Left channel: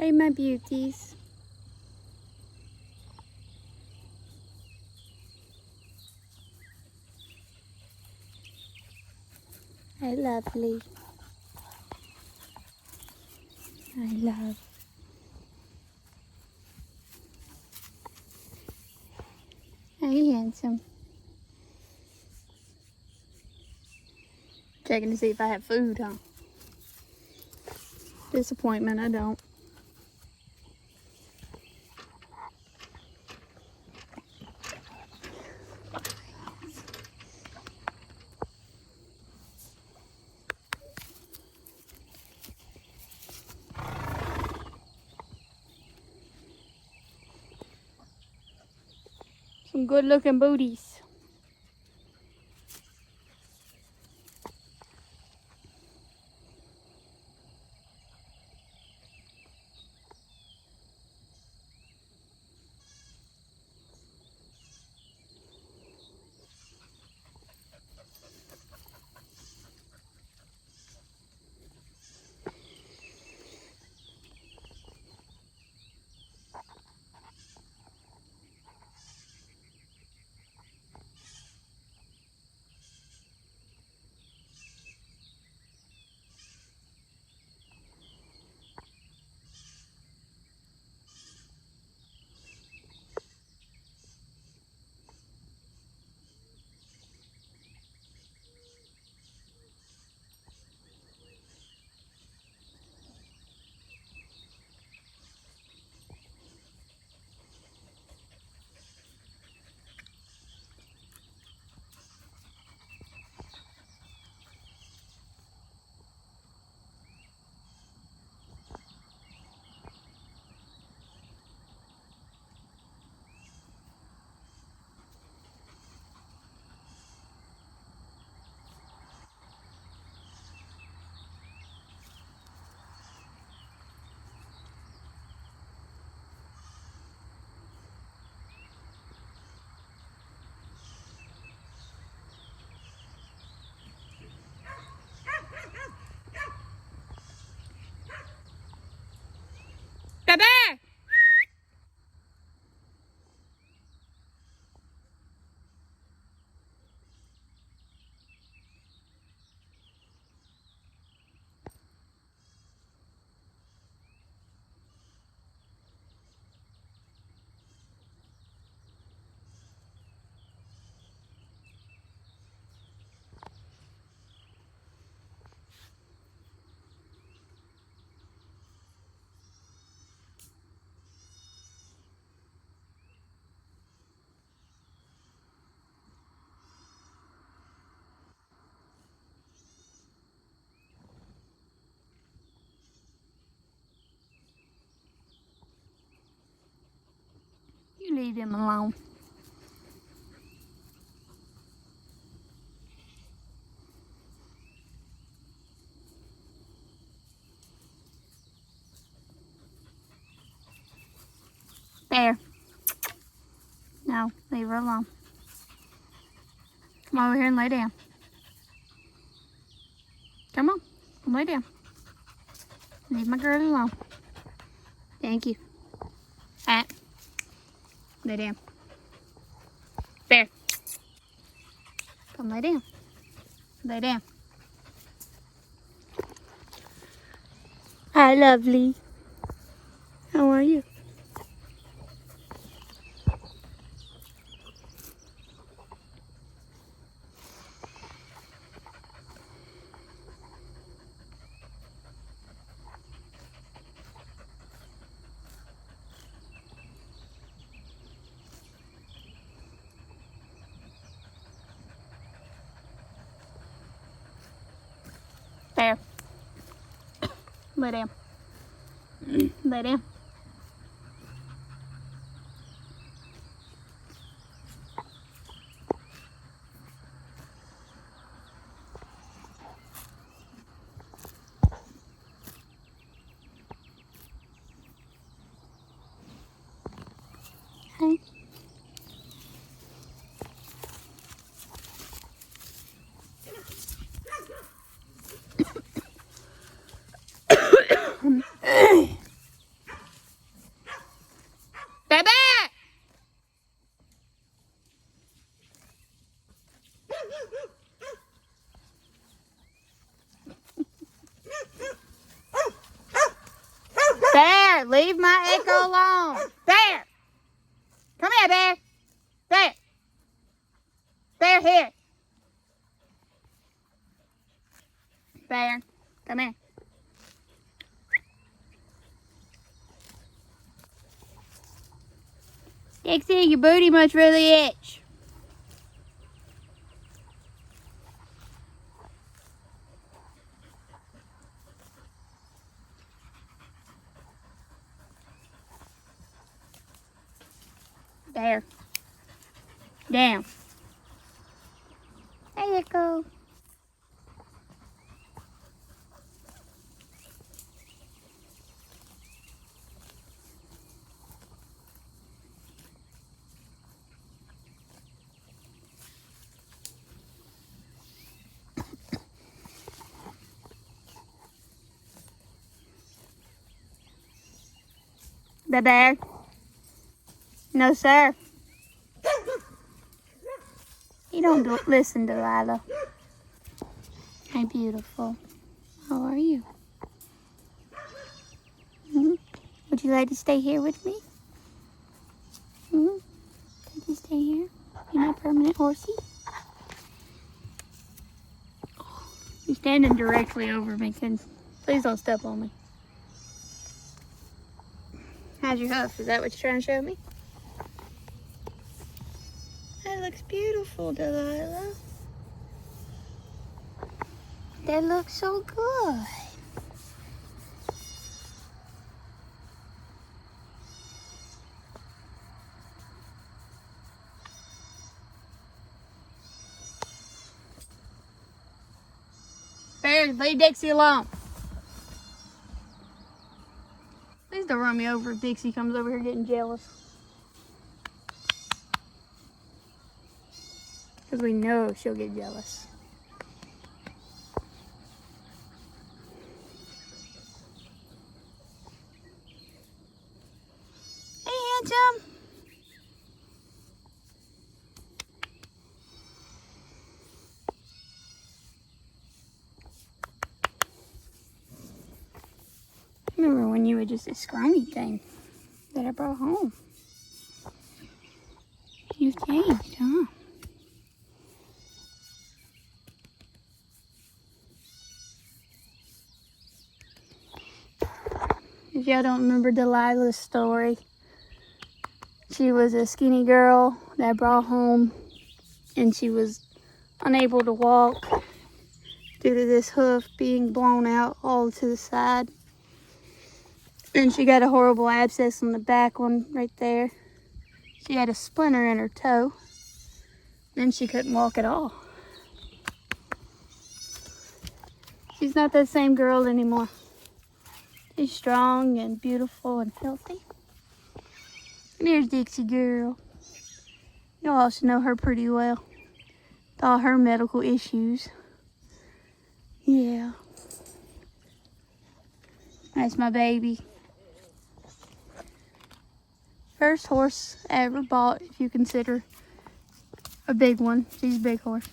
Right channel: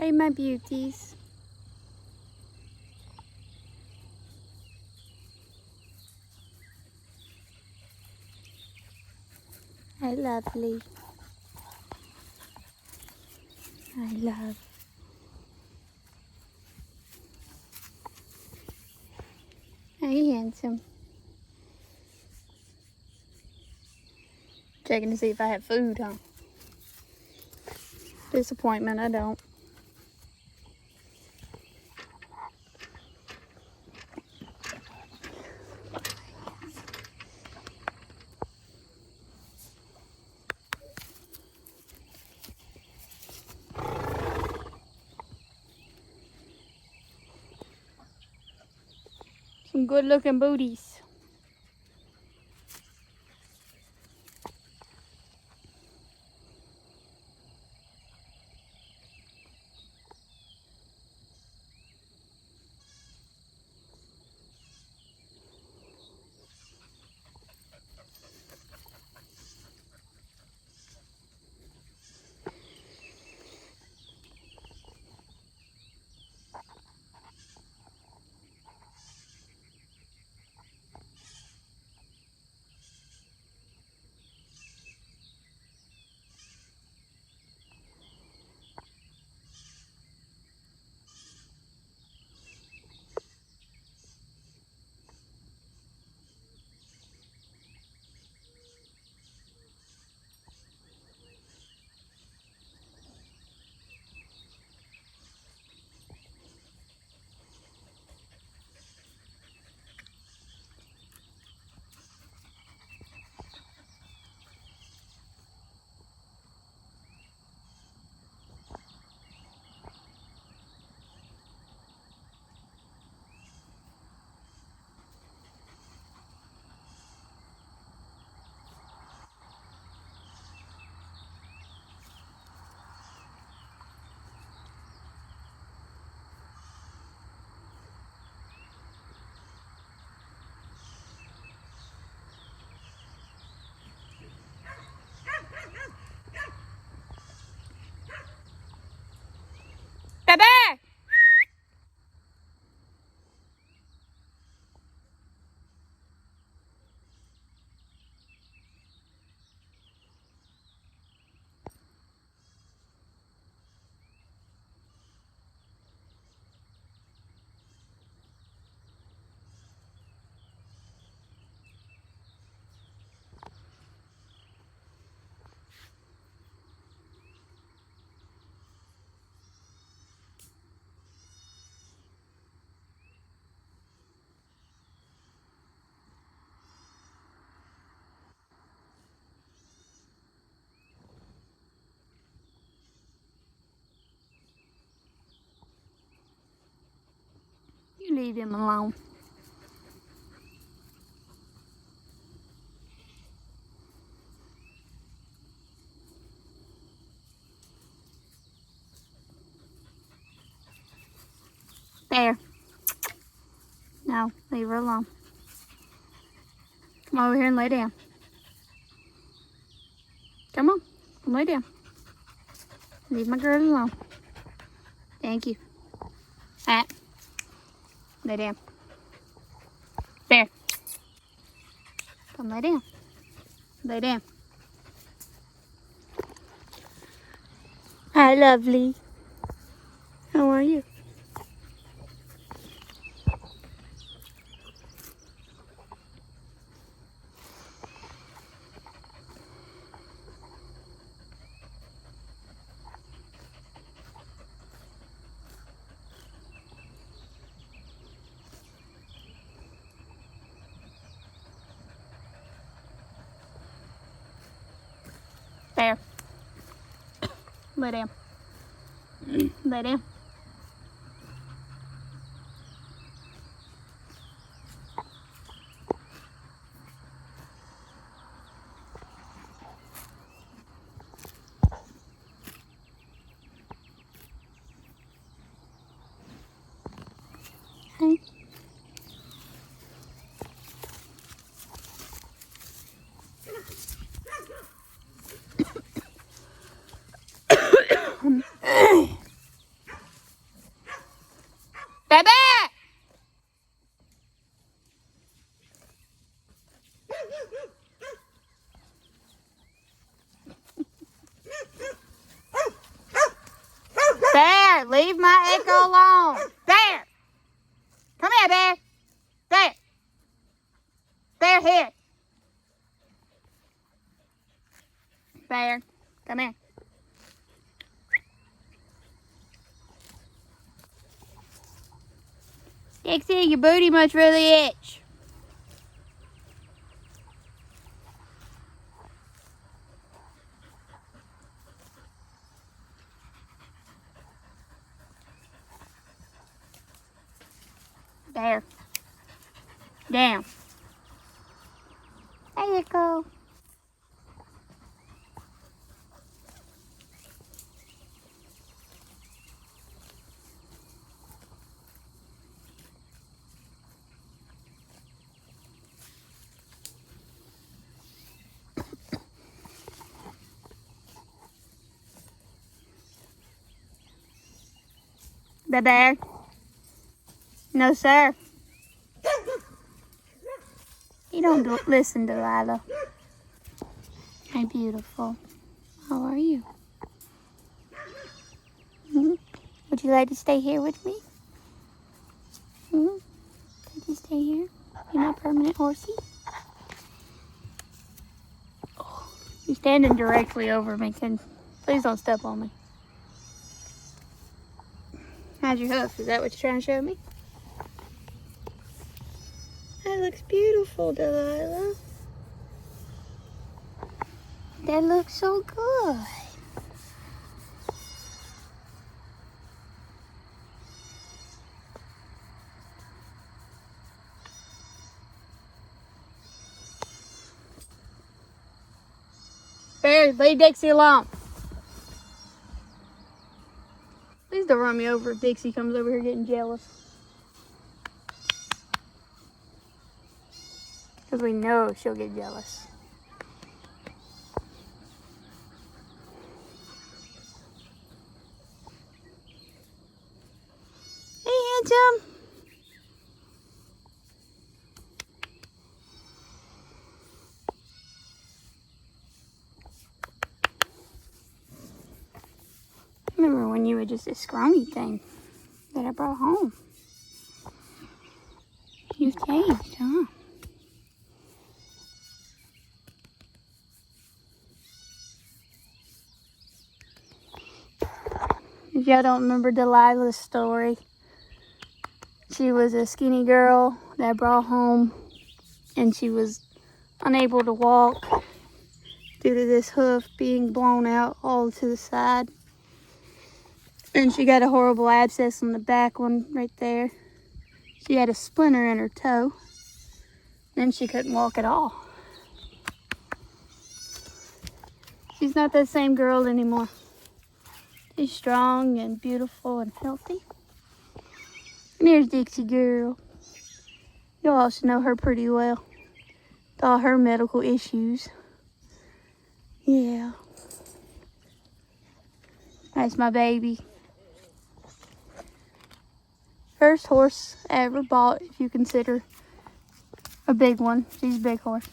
Hey, my beauties. Hi, lovely. I love. Hey, handsome. Checking to see if I have food, huh? Disappointment, I don't. Some good looking booties. Bebe! You leave them alone. There. No, leave her alone. Come over here and lay down. Come on, come lay down. Leave my girl alone. Thank you. Hat. Lay down. There. Come lay down. Lay down. Hi, lovely. How are you? There. Lay down. Lay down. Echo alone. There. Come here, Bear. There. Bear, here. Bear, come here. Dixie, your booty must really itch. There. Down. There you go. The bear? No, sir. You don't listen, Delilah. Hi, beautiful. How are you? Would you like to stay here with me? Could you stay here? You're not going to horsey? You're standing directly over me, so please don't step on me. How's your hoof? Is that what you're trying to show me? That looks beautiful, Delilah. That looks so good. Bear, leave Dixie alone. Please don't run me over if Dixie comes over here getting jealous. Because we know she'll get jealous. Hey, handsome. Remember when you were just a scrawny thing that I brought home? You changed, huh? If y'all don't remember Delilah's story, she was a skinny girl that I brought home and she was unable to walk due to this hoof being blown out all to the side. And she got a horrible abscess in the back one right there. She had a splinter in her toe. Then she couldn't walk at all. She's not that same girl anymore. She's strong and beautiful and healthy. And here's Dixie girl. You all should know her pretty well. With all her medical issues. Yeah. That's my baby. First horse I ever bought, if you consider a big one. She's a big horse.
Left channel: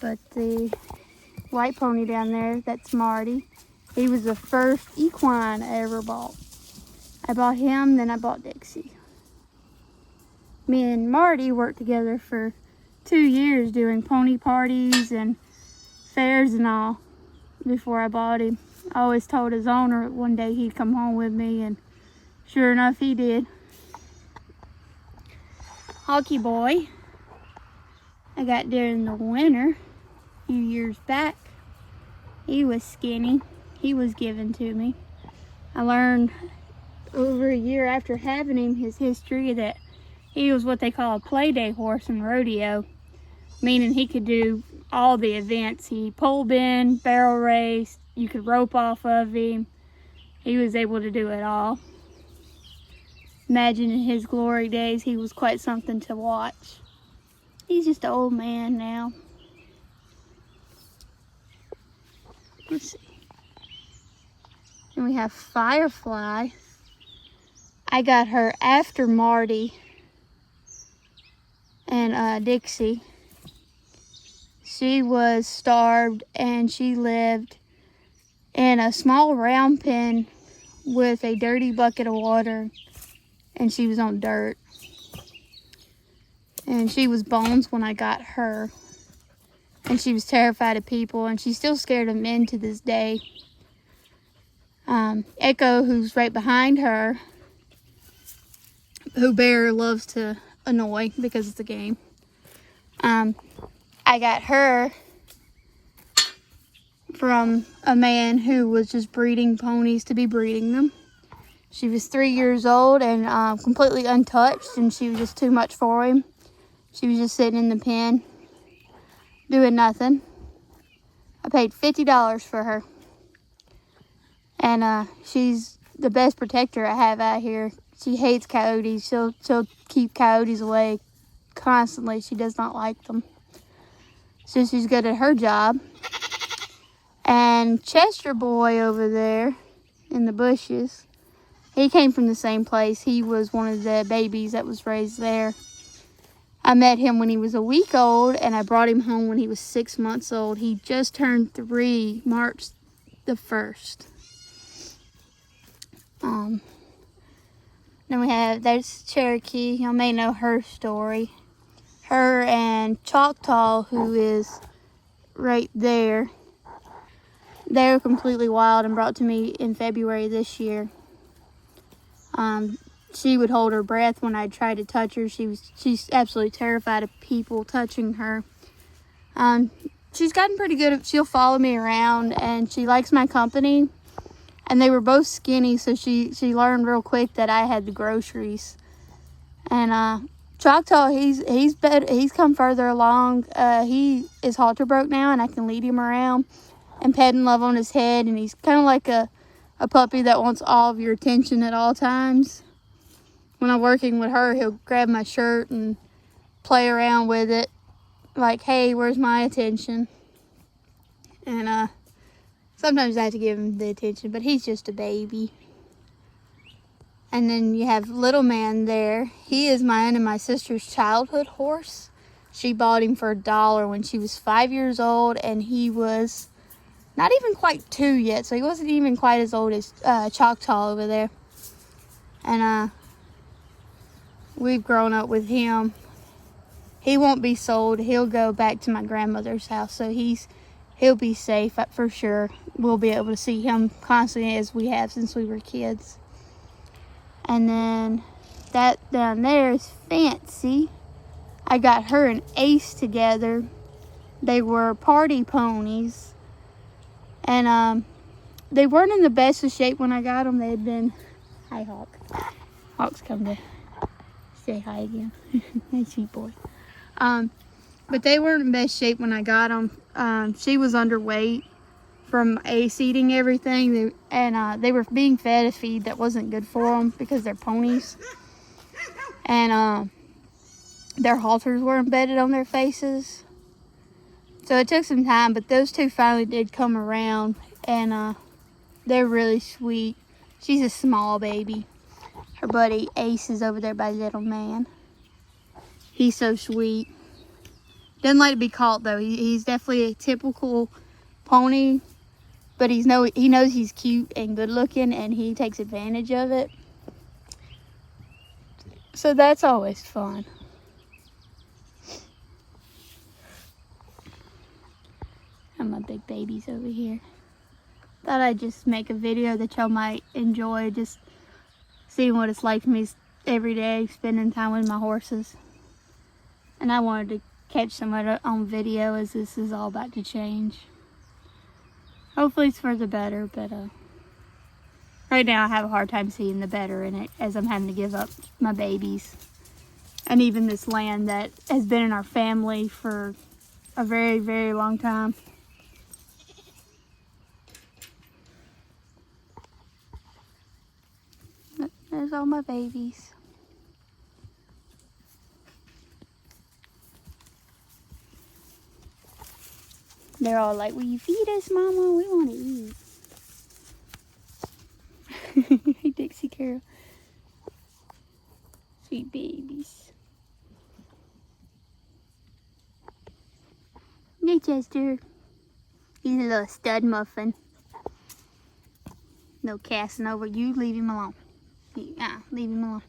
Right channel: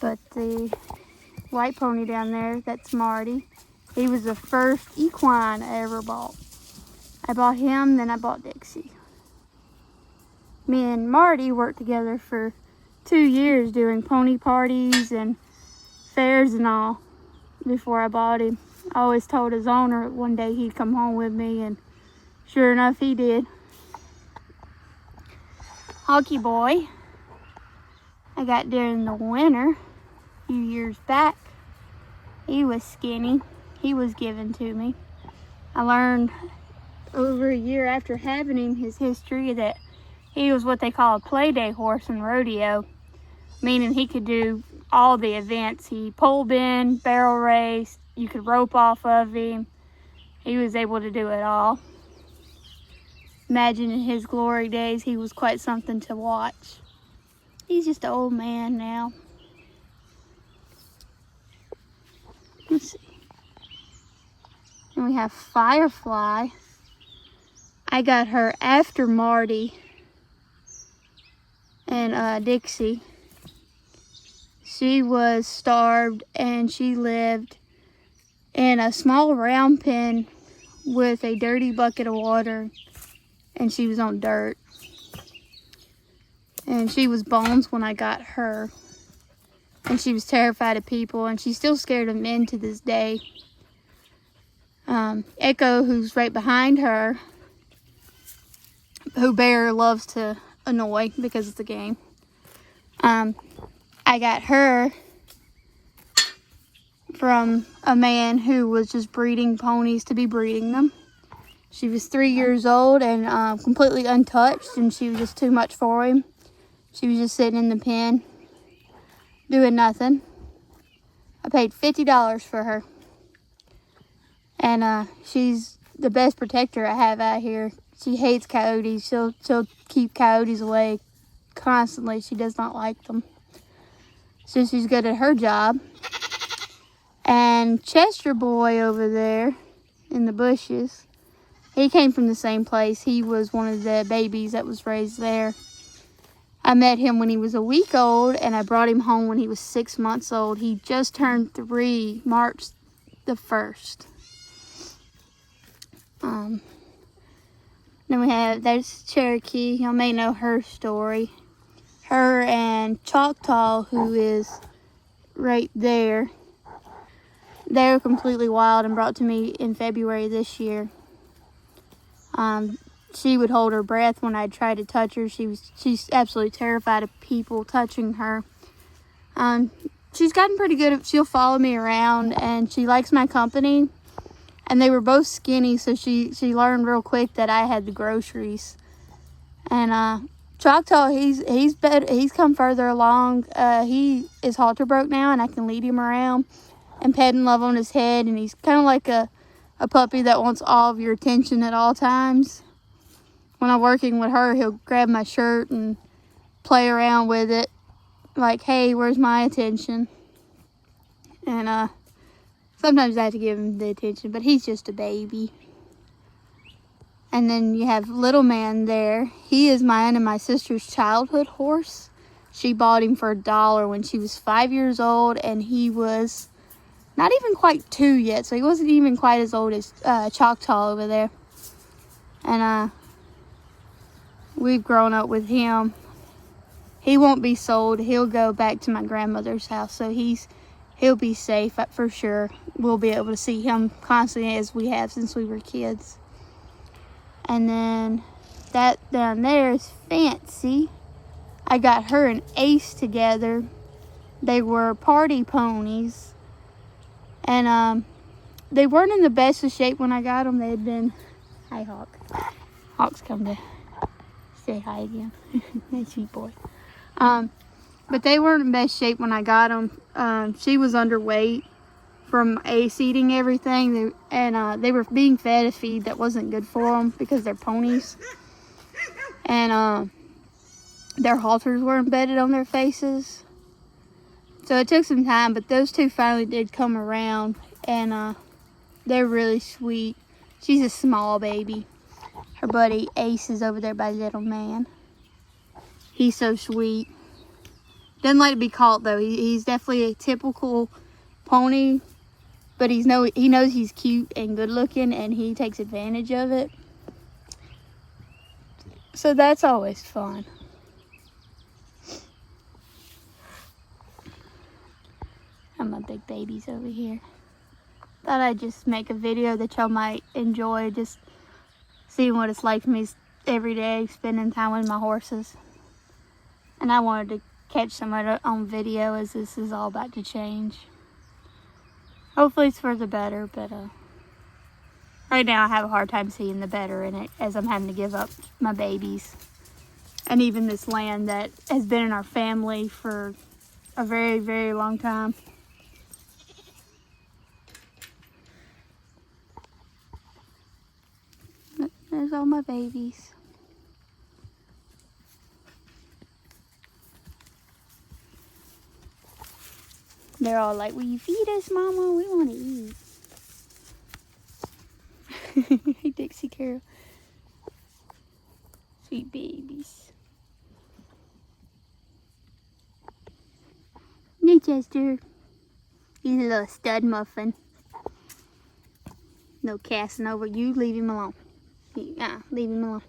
But the white pony down there, that's Marty. He was the first equine I ever bought. I bought him, then I bought Dixie. Me and Marty worked together for 2 years doing pony parties and fairs and all before I bought him. I always told his owner one day he'd come home with me, and sure enough he did. Hockey boy, I got during the winter a few years back. He was skinny. He was given to me. I learned over a year after having him his history that he was what they call a play day horse in rodeo, meaning he could do all the events. He pole bend, barrel race, you could rope off of him. He was able to do it all. Imagine in his glory days, he was quite something to watch. He's just an old man now. Let's see. And we have Firefly. I got her after Marty and Dixie. She was starved and she lived in a small round pen with a dirty bucket of water, and she was on dirt. And she was bones when I got her. And she was terrified of people, and she's still scared of men to this day. Echo, who's right behind her, who Bear loves to annoy because it's a game. I got her from a man who was just breeding ponies to be breeding them. She was 3 years old and completely untouched, and she was just too much for him. She was just sitting in the pen, doing nothing. I paid $50 for her. And she's the best protector I have out here. She hates coyotes. She'll keep coyotes away constantly. She does not like them. So she's good at her job. And Chester Boy over there in the bushes, he came from the same place. He was one of the babies that was raised there. I met him when he was a week old, and I brought him home when he was 6 months old. He just turned 3, March the 1st. Then there's Cherokee. Y'all may know her story. Her and Choctaw, who is right there, they're completely wild and brought to me in February this year. She would hold her breath when I tried to touch her. She's absolutely terrified of people touching her. She's gotten pretty good. She'll follow me around, and she likes my company. And they were both skinny, so she learned real quick that I had the groceries. And Choctaw, he's come further along. He is halter broke now, and I can lead him around and pet and love on his head. And he's kind of like a puppy that wants all of your attention at all times. When I'm working with her, he'll grab my shirt and play around with it, like, hey, where's my attention? And sometimes I have to give him the attention, but he's just a baby. And then you have Little Man there. He is mine and my sister's childhood horse. She bought him for $1 when she was 5 years old, and he was not even quite 2 yet, so he wasn't even quite as old as Choctaw over there. And we've grown up with him. He won't be sold. He'll go back to my grandmother's house, so he'll be safe for sure. We'll be able to see him constantly as we have since we were kids. And then that down there is Fancy. I got her and Ace together. They were party ponies. And they weren't in the best of shape when I got them. They had been... Hi, Hawk. Hawk's come to say hi again. Nice boy. But they weren't in best shape when I got them. She was underweight from Ace eating everything. They were being fed a feed that wasn't good for them because they're ponies. And their halters were embedded on their faces. So it took some time, but those two finally did come around, and they're really sweet. She's a small baby. Her buddy Ace is over there by Little Man. He's so sweet. Doesn't like to be caught though. He's definitely a typical pony, but he knows he's cute and good looking, and he takes advantage of it. So that's always fun. And my big babies over here. Thought I'd just make a video that y'all might enjoy, just seeing what it's like for me every day, spending time with my horses. And I wanted to catch some of it on video, as this is all about to change. Hopefully it's for the better, but right now I have a hard time seeing the better in it, as I'm having to give up my babies. And even this land that has been in our family for a very, very long time. There's all my babies. They're all like, will you feed us, Mama? We want to eat. Hey, Dixie Carol. Sweet babies. Hey, Chester. He's a little stud muffin. No casting over. You leave him alone. Leave him alone.